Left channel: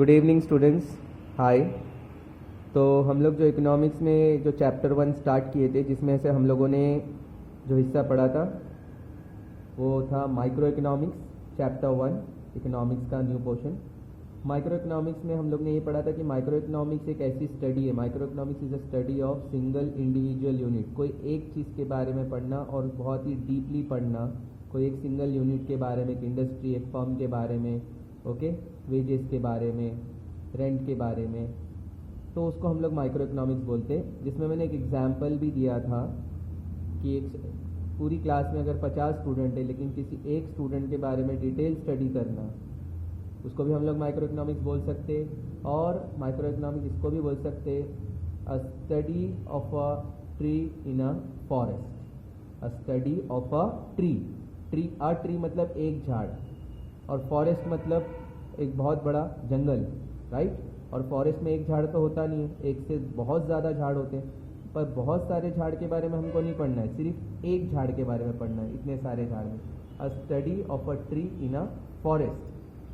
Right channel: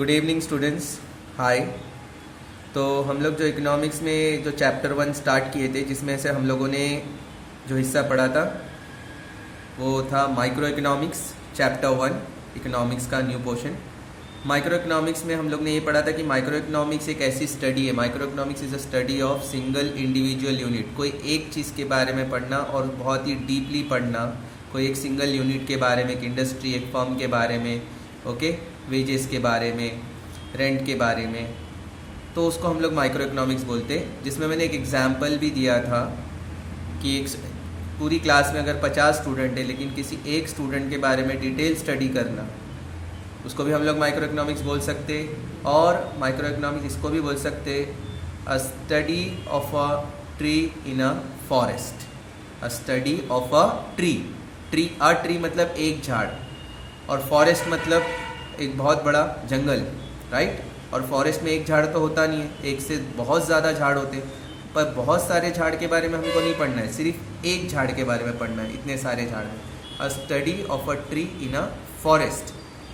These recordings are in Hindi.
Good evening students. हाय। तो हम लोग जो इकोनॉमिक्स में जो चैप्टर 1 स्टार्ट किए थे, जिसमें से हम लोगों ने जो हिस्सा पढ़ा था वो था माइक्रो इकोनॉमिक्स चैप्टर 1 इकोनॉमिक्स का न्यू पोर्शन। माइक्रो इकोनॉमिक्स में हम लोग ने ये पढ़ा था कि माइक्रो इकोनॉमिक्स एक ऐसी स्टडी है, micro economics is a study of single individual unit. कोई एक चीज़ के बारे में पढ़ना और बहुत ही डीपली पढ़ना, कोई एक सिंगल यूनिट के बारे में, एक इंडस्ट्री, एक फर्म के बारे में, ओके, वेजेस के बारे में, रेंट के बारे में, तो उसको हम लोग माइक्रो इकोनॉमिक्स बोलते हैं। जिसमें मैंने एक एग्जाम्पल भी दिया था कि एक पूरी क्लास में अगर 50 स्टूडेंट है लेकिन किसी एक स्टूडेंट के बारे में डिटेल स्टडी करना, उसको भी हम लोग माइक्रो इकोनॉमिक्स बोल सकते। और माइक्रो इकोनॉमिक्स इसको भी बोल सकते, अ study of a tree in a forest. A study of a tree, a tree मतलब एक झाड़, और फॉरेस्ट मतलब एक बहुत बड़ा जंगल, राइट। और फॉरेस्ट में एक झाड़ तो होता नहीं है, एक से बहुत ज़्यादा झाड़ होते हैं, पर बहुत सारे झाड़ के बारे में हमको नहीं पढ़ना है, सिर्फ एक झाड़ के बारे में पढ़ना है, इतने सारे झाड़ में। अ study of a tree in a forest,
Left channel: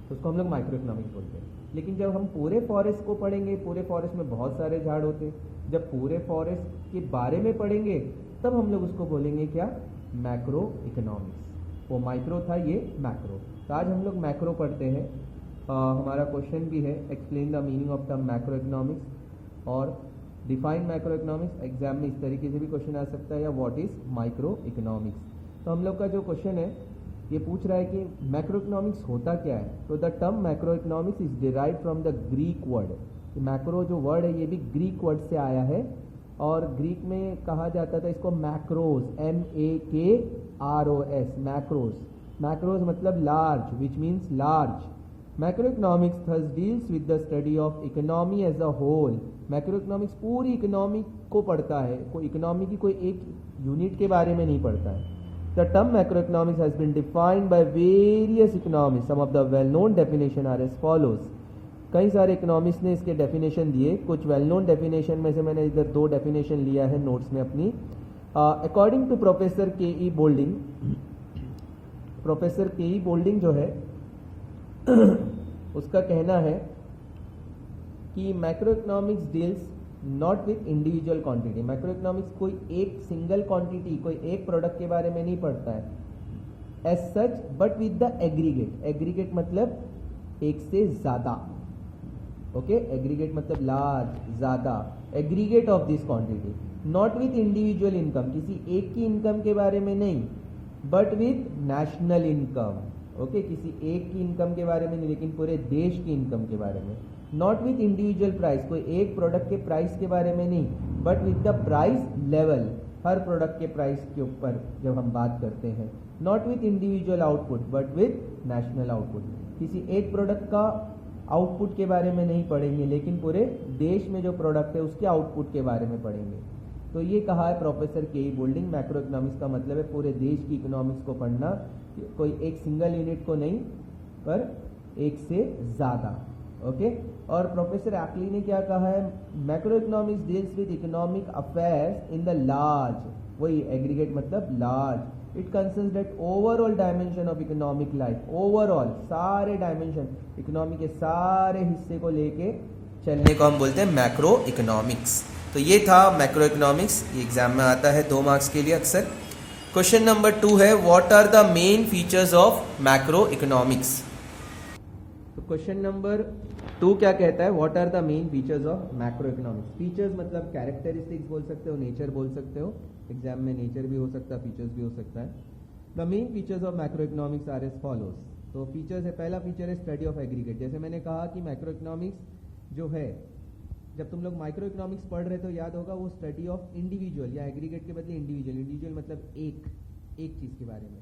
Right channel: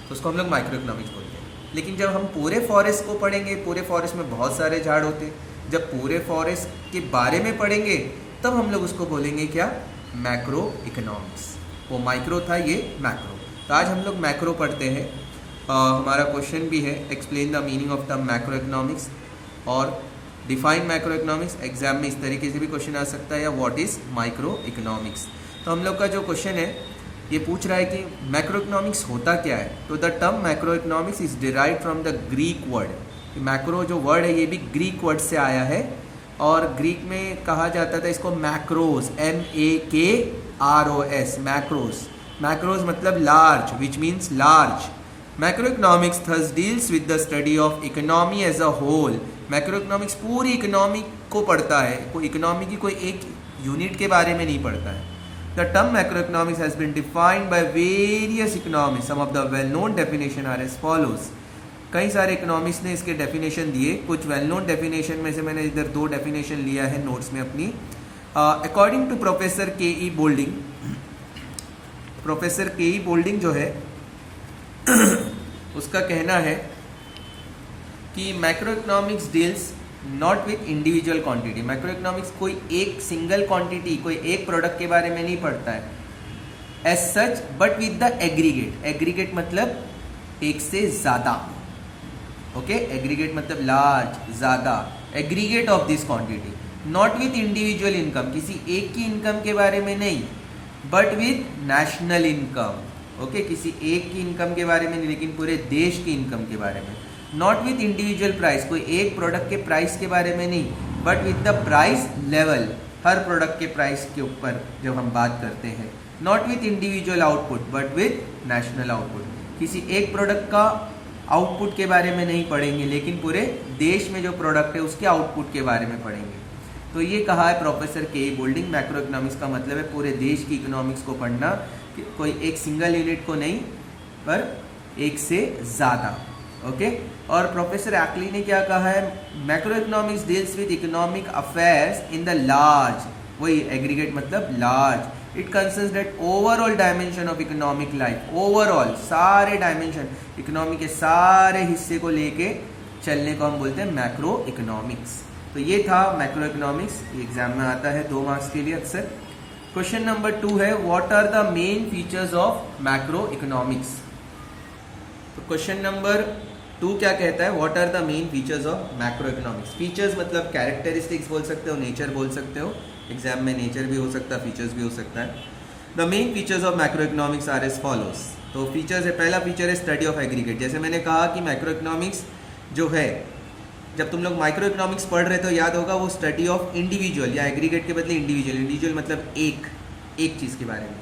तो उसको हम लोग माइक्रो इकोनॉमिक्स बोलते हैं। लेकिन जब हम पूरे फॉरेस्ट को पढ़ेंगे, पूरे फॉरेस्ट में बहुत सारे झाड़ होते हैं, जब पूरे फॉरेस्ट के बारे में पढ़ेंगे तब हम लोग उसको बोलेंगे क्या, मैक्रो इकोनॉमिक्स। वो माइक्रो था, ये मैक्रो। तो आज हम लोग मैक्रो पढ़ते हैं। हमारा क्वेश्चन भी है, explain the meaning of the macro economics और डिफाइन मैक्रो इकोनॉमिक्स। एग्जाम में इस तरीके से भी क्वेश्चन आ सकता है, या व्हाट इज़ माइक्रो इकोनॉमिक्स। तो हम लोग का जो क्वेश्चन है ये पूछ रहा है कि मैक्रो इकोनॉमिक्स होता क्या है। तो the term macro economics is derived from the Greek word. Macro जो वर्ड है ये भी ग्रीक वर्ड से आया है, और ग्रीक में कहा जाता था इसको मैक्रोस, MAKROS, मैक्रोस। मैक्रोस मतलब large, which means large. Macro economics thus deals with the study of economy as a whole. Macro economics पूरी इकोनॉमी को पढ़ता है, कोई इकोनॉमी की कोई एक यूनिट के बारे में नहीं पढ़ता है। The term macroeconomics has been defined by various economists. Some of the well-known definition are as follows. कई सारे इकोनॉमिक्स ने इसके डेफिनेशन दिए। कुछ वेल नोन डेफिनेशन में से मैंने इधर 2 डेफिनेशन लिया है नोट्स में अपनी। According to professor KE Boulding, professor KE Boulding जो है उसका कहना है कि macro economics deals not with individual quantity. Macro economics कोई एक सिंगल क्वांटिटी, कोई एक प्रोडक्ट के बारे में नहीं पढ़ता है as such, but with the aggregate. Aggregate मतलब एक से ज़्यादा, ओके। एग्रीगेट मतलब लार्ज, ज़्यादा, aggregate of this quantity. Not with individual income, किसी एक की इनकम के बारे में नहीं, but with national income, okay. किसी एक की इनकम के बारे में नहीं, लेकिन पूरे देश की इनकम के बारे में। नॉट विथ इंडिविजुअल प्राइस, कोई एक प्रोडक्ट के प्राइस के बारे में नहीं, but with the price level, her product के प्राइस के ऊपर जब हम बात करते हैं। Not with individual output, but with national output. किसी एक प्रोडक्ट का आउटपुट के बारे में नहीं पढ़ेंगे, लेकिन पूरे देश में जो प्रोडक्ट है उसके आउटपुट के बारे में पढ़ेंगे। तो ये कहा है professor KE Boulding, macro economics का मतलब है पूरे देश की इकोनॉमिक्स को पढ़ना, कोई एक सिंगल यूनिट को नहीं, पर एक से ज़्यादा, ओके। और प्रोफेसर एक्ली ने क्या कहा है, macro economics deals with economic affairs in the large, वही एग्रीगेट मतलब large. It concerns that overall dimension of economic life. Overall सारे डायमेंशन, इकोनॉमी के सारे हिस्से को लेके चलने को हम बोलते हैं मैक्रो इकोनॉमिक्स। तो ये था मैक्रो इकोनॉमिक्स, ये एग्जाम में आता है 2 मार्क्स के लिए अक्सर। क्वेश्चन नंबर 2 है, what are the main features of macro economics. तो क्वेश्चन नंबर 2 क्या कहता है, what are the main features of macro economics. Features मतलब कैरेक्टरिस्टिक्स बोल सकते हो, नेचर बोल सकते हो। एग्जाम में नेचर भी हो सकता है, फीचर्स भी हो सकता है। The main features of macro economics are as follows. तो फीचर्स है, पहला फीचर है स्टडी ऑफ एग्रीगेट। जैसे मैंने कहा कि मैक्रो इकोनॉमिक्स जो है, जब तुम लोग माइक्रो इकोनॉमिक्स पढ़ रहे तो याद होगा वो स्टडी ऑफ इंडिविजुअल, या एग्रीगेट के बदले इंडिविजुअल। इंडिविजुअल मतलब एक चीज़ के बारे में,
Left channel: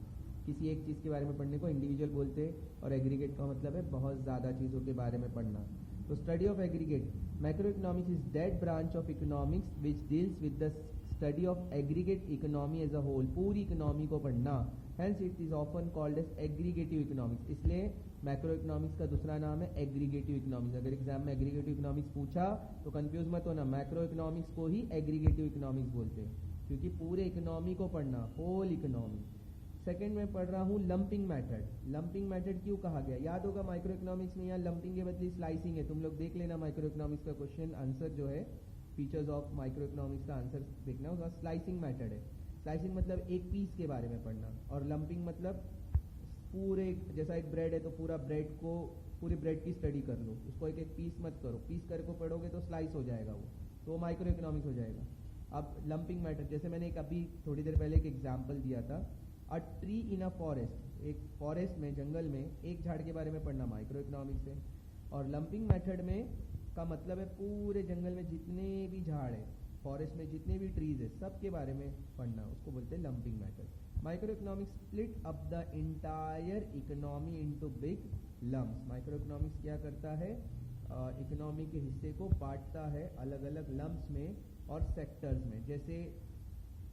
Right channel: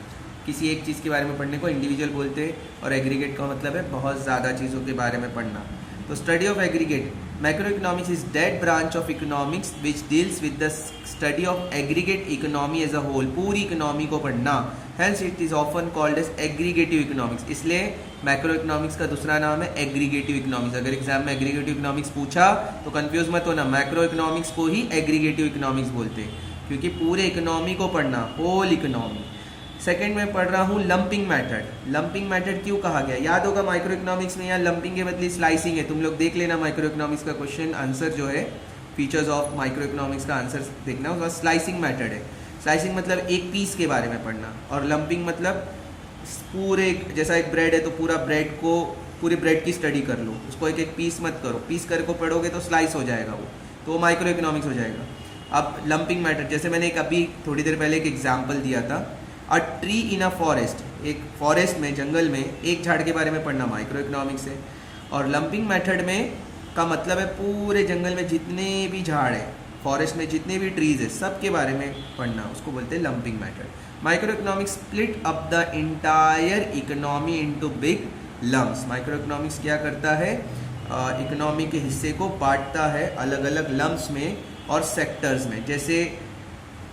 किसी एक चीज़ के बारे में पढ़ने को इंडिविजुअल बोलते हैं, और एग्रीगेट का मतलब है बहुत ज़्यादा चीज़ों के बारे में पढ़ना। तो study of aggregate, macro economics is that branch of economics which deals with the study of aggregate economy as a whole, पूरी इकोनॉमी को पढ़ना। Hence it is often called as aggregative economics. इसलिए मैक्रो इकोनॉमिक्स का दूसरा नाम है एग्रीगेटिव इकोनॉमिक्स। अगर एग्जाम में एग्रीगेटिव इकोनॉमिक्स पूछा तो कंफ्यूज मत होना, मैक्रो इकोनॉमिक्स को ही एग्रीगेटिव इकोनॉमिक्स बोलते हैं, क्योंकि पूरे इकोनॉमी को पढ़ना, होल इकोनॉमी। सेकंड में पढ़ रहा हूँ लंपिंग मेथड। लंपिंग मेथड क्यों कहा गया, याद होगा माइक्रो इकोनॉमिक्स में यहाँ लंपिंग के बदले स्लाइसिंग है। तुम लोग देख लेना माइक्रो इकोनॉमिक्स का क्वेश्चन आंसर जो है, फीचर्स ऑफ माइक्रो इकोनॉमिक्स का आंसर देखना, उसका स्लाइसिंग मेथड है। स्लाइसिंग मतलब एक पीस के बारे में पढ़ना, और लंपिंग मतलब पूरे, जैसा एक ब्रेड है तो पूरा ब्रेड को, पूरी ब्रेड की स्टडी कर लो, उसको एक एक पीस मत करो, पीस करके पढ़ोगे तो स्लाइस हो जाएगा वो, तो वो माइक्रो इकोनॉमिक्स हो जाएगा। अब लंपिंग मैटर, जैसे मैंने एक अभी थोड़ी देर पहले एक एग्जांपल दिया था, a tree in a forest, एक फॉरेस्ट में, जंगल में एक झाड़ के बारे में पढ़ना माइक्रो इकोनॉमिक्स है। और लंपिंग मेथड में का मतलब है पूरे जंगल में जितने भी झाड़ है, फॉरेस्ट में जितने भी ट्रीज है, सब के बारे में पढ़ना, उसको बोलते हैं lumping method. Micro economics split up the entire economy into big lumps. Micro economics क्या करता है, इकोनॉमी के हिस्से को बांटता है अलग अलग लम्स में और सेक्टर्स में। जैसे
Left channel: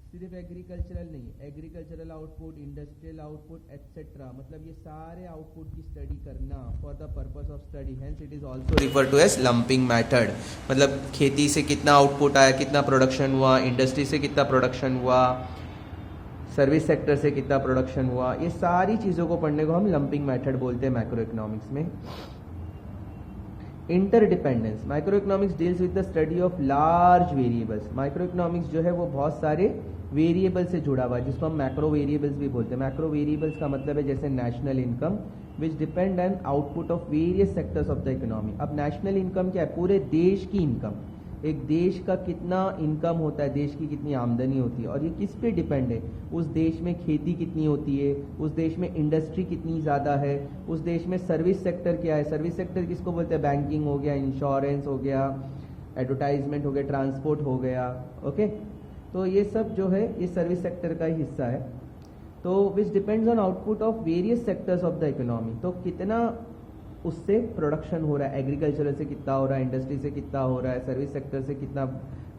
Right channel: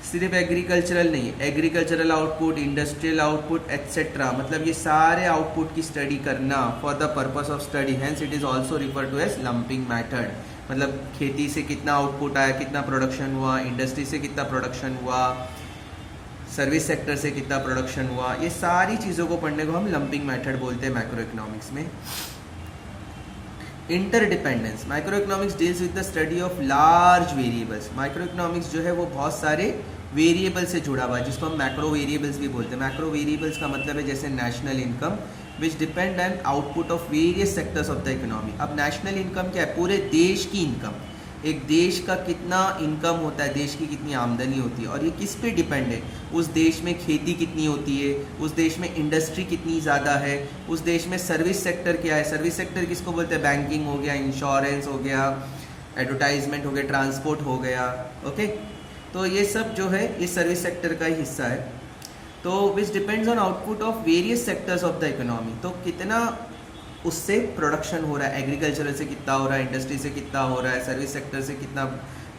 सिर्फ एग्रीकल्चरल नहीं, agricultural output, industrial output etcetera, मतलब ये सारे आउटपुट की स्टडी करना for the purpose of study, hence it is also refer to as lumping method. मतलब खेती से कितना आउटपुट आया, कितना प्रोडक्शन हुआ, इंडस्ट्री से कितना प्रोडक्शन हुआ, सर्विस सेक्टर से कितना प्रोडक्शन हुआ, ये सारी चीज़ों को पढ़ने को हम लंपिंग मेथड बोलते हैं माइक्रो इकोनॉमिक्स में। Interdependence, micro economics deals with the study of large variables. Micro economics जो है वो बहुत सारे वेरिएबल से जुड़ा हुआ है, जिसको हम मैक्रो वेरिएबल्स भी बोलते हैं। मैक्रो वेरिएबल्स का मतलब है जैसे national income which depend on output of various sectors of the economy. अब नेशनल इनकम क्या है, पूरे देश की इनकम, एक देश का कितना इनकम होता है, देश की कितनी आमदनी होती है, और ये किस पे डिपेंड है, उस देश में खेती कितनी होती है, उस देश में इंडस्ट्री कितनी ज़्यादा है, उस देश में सर्विस सेक्टर क्या है। सर्विस सेक्टर किसको बोलते हैं, बैंकिंग हो गया, इंश्योरेंस हो गया, एडवर्टाइजमेंट हो गया, ट्रांसपोर्ट हो गया, ओके। तो ये सब जो है ये सर्विस सेक्टर का ही हिस्सा है। तो which depends on output of various sectors of the economy, तो कितना उससे प्रोडक्शन हो रहा है, एग्रीकल्चर से कितना हो रहा है, इंडस्ट्री से कितना हो रहा है, सर्विस सेक्टर से कितना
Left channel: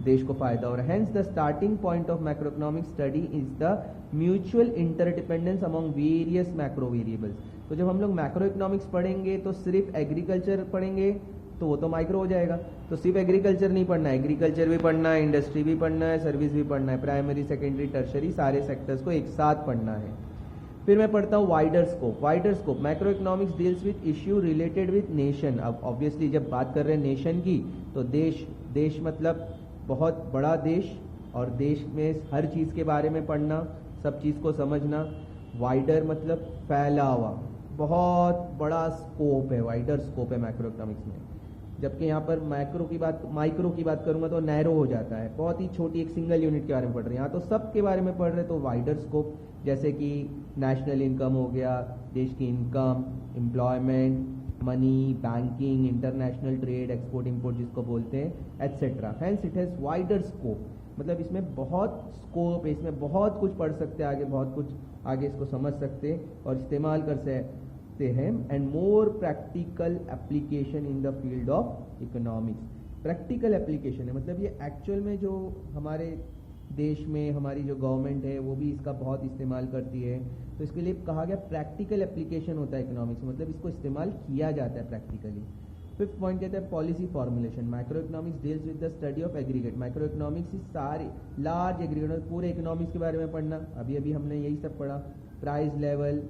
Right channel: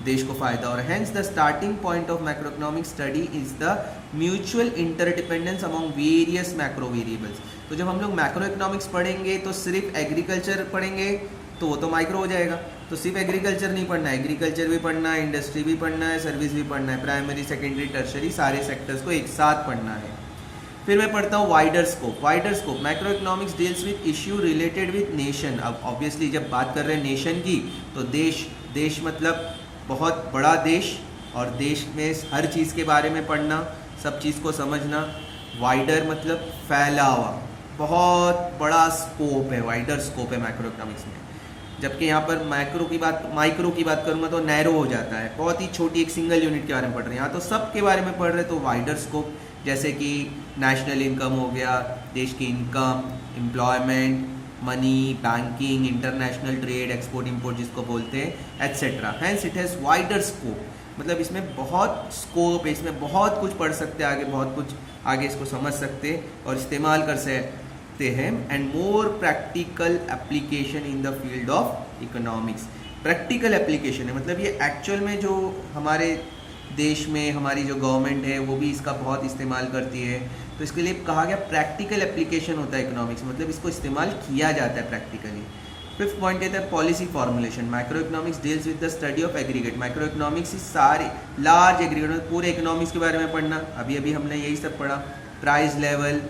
देश को फायदा हो रहा है। Hence the starting point of macro economic study is the mutual interdependence among various macro variables. तो जब हम लोग मैक्रो इकोनॉमिक्स पढ़ेंगे तो सिर्फ एग्रीकल्चर पढ़ेंगे तो वो तो माइक्रो हो जाएगा, तो सिर्फ एग्रीकल्चर नहीं पढ़ना है, एग्रीकल्चर भी पढ़ना है, इंडस्ट्री भी पढ़ना है, सर्विस भी पढ़ना है, प्राइमरी सेकेंडरी टर्शरी सारे सेक्टर्स को एक साथ पढ़ना है। फिर मैं पढ़ता हूँ wider scope. Wider scope, macro economics deals with issue related with nation. अब ऑब्वियसली जब बात कर रहे हैं नेशन की तो देश मतलब बहुत बड़ा देश, और देश में हर चीज़ के बारे में पढ़ना, सब चीज़ को समझना। वाइडर मतलब फैला हुआ, बहुत बड़ा स्कोप है, वाइडर स्कोप है मैक्रो इकोनॉमिक्स में। जबकि यहाँ पर माइक्रो की बात करूँगा तो नैरो हो जाता है, बहुत ही छोटी एक सिंगल यूनिट के बारे में पढ़ रहे हैं। यहाँ तो सब के बारे में पढ़ रहे, तो वाइडर स्कोप, जैसे कि नेशनल इनकम हो गया, देश की income, employment, money, banking, international trade, export import जिसको बोलते हैं, etcetera. Hence it has wider scope, मतलब इसमें बहुत स्कोप है, इसमें बहुत कुछ पढ़ सकते हैं आगे, बहुत कुछ आगे इसको समझ सकते और इस्तेमाल कर सकते हैं। And more practical application in the field of economics. Practical application है, मतलब ये एक्चुअल में जो हमारे देश में हमारी जो गवर्नमेंट है वो भी इसका बहुत इस्तेमाल करती है, तो इसके लिए कहा गया प्रैक्टिकल एप्लीकेशन होता है इकोनॉमिक्स, मतलब इसको इस्तेमाल किया जाता है प्रैक्टिकली। फिफ्थ पॉइंट कहता है policy formulation. Micro economics deals with the study of aggregate. Micro economics इस सारी लार्ज एग्रीगेट, पूरे इकोनॉमिक्स के बारे में पढ़ना, अभी हमने यही सब पढ़ा। Price level,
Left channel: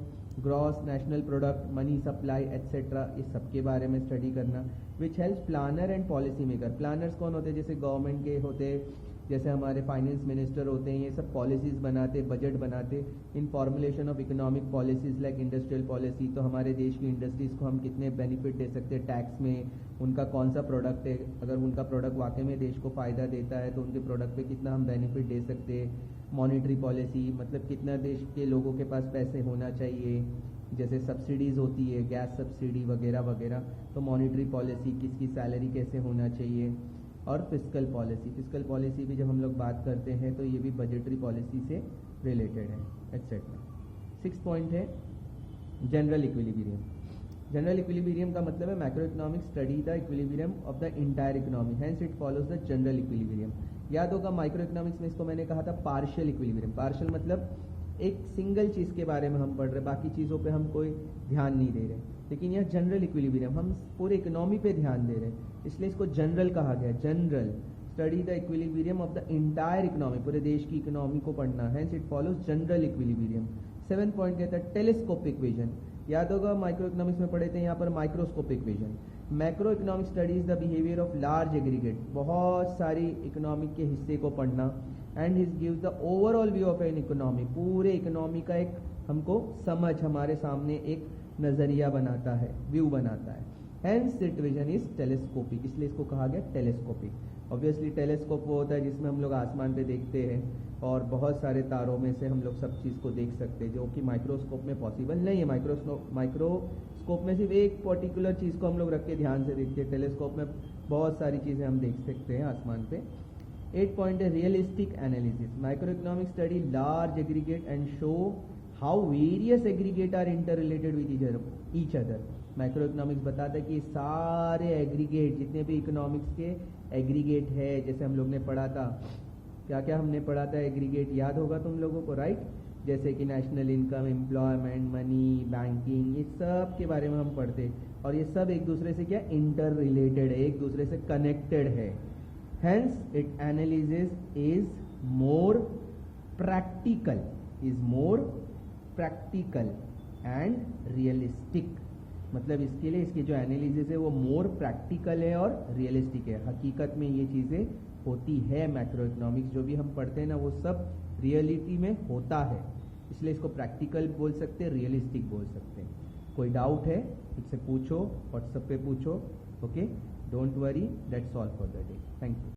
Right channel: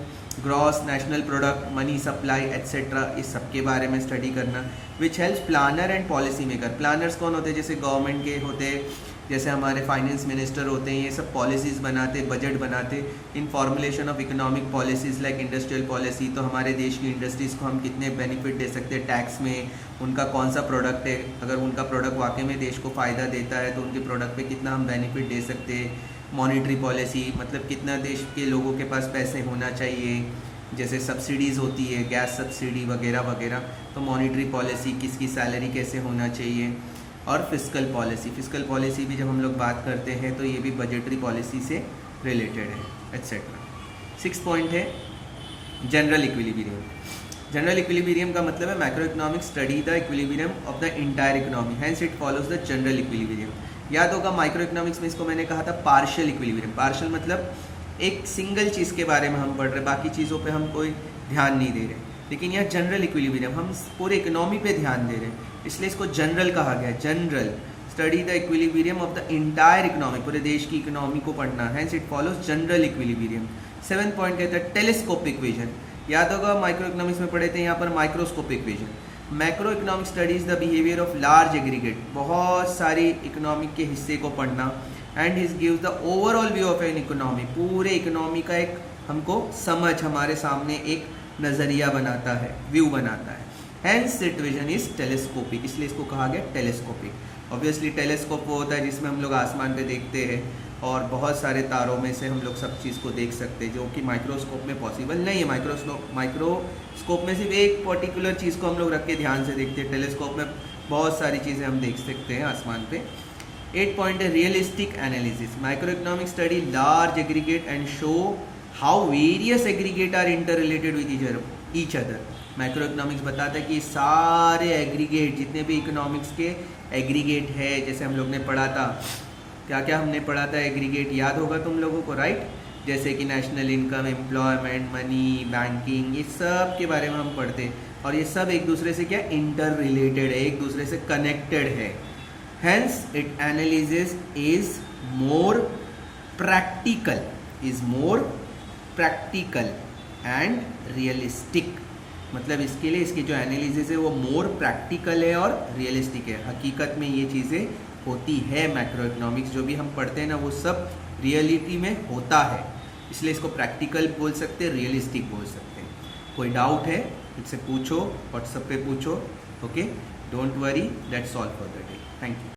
gross national product, money supply etcetera, इस सब के बारे में स्टडी करना। Which helps planner and policy maker. Planners कौन होते हैं, जैसे गवर्नमेंट के होते हैं, जैसे हमारे फाइनेंस मिनिस्टर होते हैं, ये सब पॉलिसीज़ बनाते, बजट बनाते। इन formulation of economic policies like industrial policy, तो हमारे देश की इंडस्ट्रीज़ को हम कितने बेनिफिट दे सकते हैं टैक्स में, उनका कौन सा प्रोडक्ट है, अगर उनका प्रोडक्ट वाकई में देश को फ़ायदा देता है तो उनके प्रोडक्ट पे कितना हम बेनिफिट दे सकते हैं। मॉनिटरी पॉलिसी, मतलब कितना देश के लोगों के पास पैसे होना चाहिए, जैसे सब्सिडीज़ होती है, गैस सब्सिडी वगैरह वगैरह, तो मॉनिटरी पॉलिसी, किसकी सैलरी कैसे होना चाहिए। और फिस्कल पॉलिसी, फिस्कल पॉलिसी भी जब हम लोग बात करते हैं तो ये भी बजटरी पॉलिसी से रिलेटेड है, एट्सेट्रा। सिक्स पॉइंट है जनरल इक्विलिब्रियम। जनरल इक्विलिब्रियम का मतलब है macro economics study the equilibrium of the entire economy, hence it follows the general equilibrium. याद होगा माइक्रो इकोनॉमिक्स में इसको मैंने कहा था पार्शियल इक्विलिब्रियम। पार्शियल मतलब एक सिंगल चीज़ के बारे में हम पढ़ रहे, बाकी चीज़ों पे हम कोई ध्यान नहीं दे रहे, लेकिन यह जनरल इक्विलिब्रियम हम पूरे इकोनॉमी पे ध्यान दे रहे हैं, इसलिए इसको जनरल कहा गया। General study the equilibrium of the entire economy, पूरे देश की इकोनॉमी को पढ़ना, hence it follows general equilibrium. 7th point कहता है टेलीस्कोपिक विजन। याद होगा माइक्रो इकोनॉमिक्स में पढ़े थे यहाँ पर microscopic vision. Macro economic studies the behaviour of large aggregate, बहुत सारी इकोनॉमिक के हिस्से को पढ़ना। And his gives the overall view of an economy, पूरे इकोनॉमी का एक हमको समझ, हमारे सामने एक नज़रिया बनाता है, व्यू बनाता है। Hence it vision is telescopic, इसलिए इसको कहा गया टेलीस्कोपिक। ऑब्वियसली टेलीस्कोप वो होता है जिसमें हम लोग आसमान पे देखते हैं और बहुत सारे तारों में से हम लोग सब चीज़ को देख सकते हैं, जो कि माइक्रोस्कोप में पॉसिबल नहीं है। माइक्रोस्कोप में सिर्फ एक पर्टिकुलर चीज़ को हम लोग रख के ध्यान से देखते हैं, टेलीस्कोप में बहुत सारी चीज़ें हम देख सकते हैं आसमान पे। 8 पॉइंट है realistic analysis. Micro economic study large aggregate and show how various aggregate are inter related with each other. Micro economics बताता है कि सारे एग्रीगेट, जितने भी इकोनॉमिक्स के एग्रीगेट है, जैसे हम लोग ने पढ़ा था, क्या क्या हमने पढ़ा था एग्रीगेट, याद होगा तुम लोगों को, राइट? जैसे कि national income, employment, money, banking, ये सब के बारे में हम पढ़ते हैं। और ये सब एक दूसरे से क्या इंटर रिलेटेड है, एक दूसरे से कनेक्टेड है। Hence it analysis is more practical and realistic. मतलब इसके लिए इसकी जो एनालिसिस है वो मोर प्रैक्टिकल है और रियलिस्टिक है। हकीकत में ये चीज़ें होती है, मैक्रो इकोनॉमिक्स जो भी हम पढ़ते हैं ना वो सब रियलिटी में होता है, इसलिए इसको प्रैक्टिकल बोल सकते हैं, रियलिस्टिक बोल सकते हैं। कोई डाउट है मुझसे पूछो, व्हाट्सएप पे पूछो, okay, don't worry, that's all for the day, thank you.